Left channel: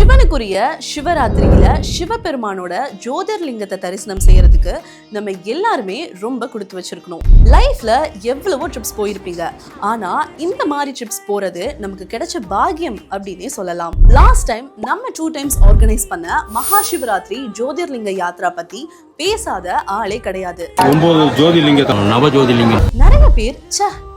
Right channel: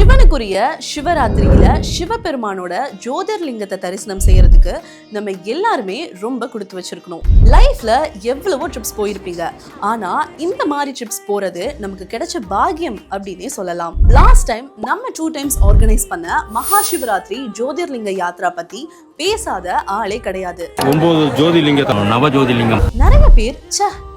சிவனுக்குரிய சிவராத்திரியில சிவபெருமானோட ஜோதிர்லிங்கத்தை தரிசனம் செய்யறதுக்கு நம்ம எல்லாருமே ரொம்ப கொடுத்து வச்சிருக்கணும். லைஃப்ல எவ்வளவோ ட்ரிப்ஸ் போயிருப்பீங்க, ஆனா இந்த மாதிரி ட்ரிப்ஸ் போறது நமக்கு கிடைச்ச பாக்கியம் அப்படின்னே சொல்லலாம். லாஸ்ட் டைம் நம்ம 2 times ஆர்கனைஸ் பண்ண மகா சிவராத்திரி ஜோதிர்லிங்க யாத்ரா பத்தி பேசாத ஆளே கிடையாது. 9 ஜோதிர்லிங்கம், நவ ஜோதிர்லிங்கம். நிறைய பேர்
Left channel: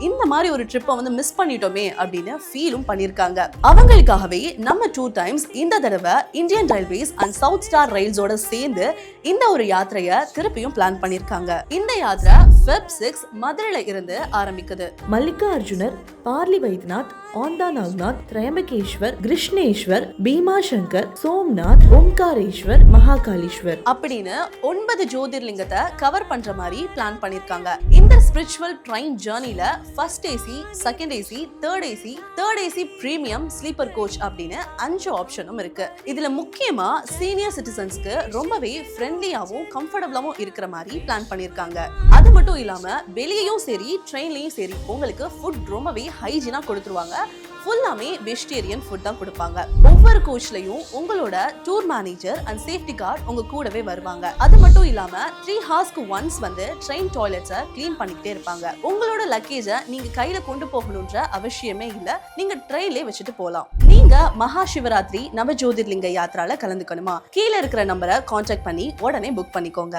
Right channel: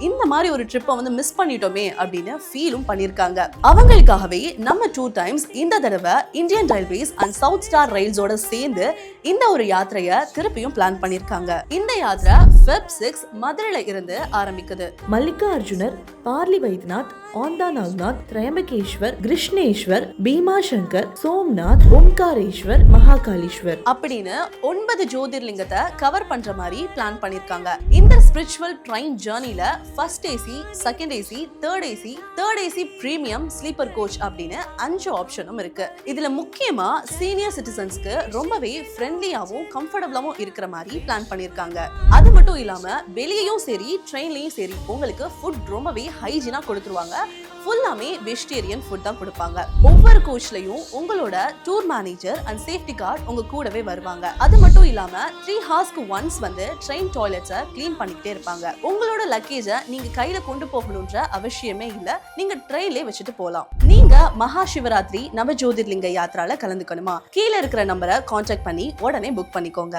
இந்த மாதிரி ஒரு ட்ரிப்பை மிஸ் பண்ணிட்டோமே அப்படின்னு ஃபீலும் பண்ணிருக்காங்க. அவங்களுக்காகவே நம்ம 2 times இந்த தடவை Indian railways and South Star ரயில்ஸோட சேர்ந்து இந்த ஒரு யாத்திரையை திருப்பியும் பிளான் பண்ணிருக்காங்க. இந்த யாத்திரை Feb 6 மதுரையில இருந்து ஆரம்பிக்குது. மல்லிகார்ஜுனர், பார்லி வைத்யநாத், ஆந்தா நாக்நாத், திரையம்பகேஸ்வர், கிருஷ்ணேஸ்வர், பீமாசங்கர், சோம்நாத், ஓம்காரேஸ்வர், மகாகாலீஸ்வர் அப்படின்னு 9 ஜோதிர்லிங்கத்தை கவர் பண்ற மாதிரி பிளான் பண்ணிருக்காங்க. இந்த ஸ்பிரிச்சுவல் ட்ரெயின் ஜர்னில first AC, second AC, third AC premium, sleeper coach அப்படின்னு 5 ஆப்ஷனும் இருக்கு. இதுல முக்கியமா சீனியர் சிட்டிசன்ஸ்க்கு ரொம்பவே ஃப்ரெண்ட்லியாவும் கம்ஃபர்டபுளாவும் இருக்கிற மாதிரி பிளான் பண்ணிருக்காங்க. அது மட்டும் இல்லாம வெளியேயும் சரி ட்ரெயின்லயும் சரி உங்களுக்கு ஃபுட் ரொம்பவே ஹைஜீனா கொடுத்துருவாங்க. ஃபுல்லாமே வெஜிடேரியன் ஃபுட் தான் கொடுப்பாங்க. ஒவ்வொரு கோச்லயும் உங்களோட tour manager and safety card உங்க கூடவே வருவாங்க. அது மட்டும் இல்லாம 3 hours ஒன்ஸ் ட்ரெயின் டாய்லெட்ஸை கிளீன் பண்ணிக்கிட்டே இருப்பாங்க. உங்களோட லக்கேஜை நீங்க கையில கொண்டு போகணும்ன்ற அவசியமே இல்ல, நீங்க ட்ரெயின்லயே வச்சுட்டு போலாம். நீங்க மகா சிவராத்திரி நவ ஜோதிர்லிங்க யாத்ரால கலந்துக்கணுமா? கீழே இருக்கிற நம்பரை கான்டாக்ட் பண்ணி உடனே புக் பண்ணிக்கோங்க.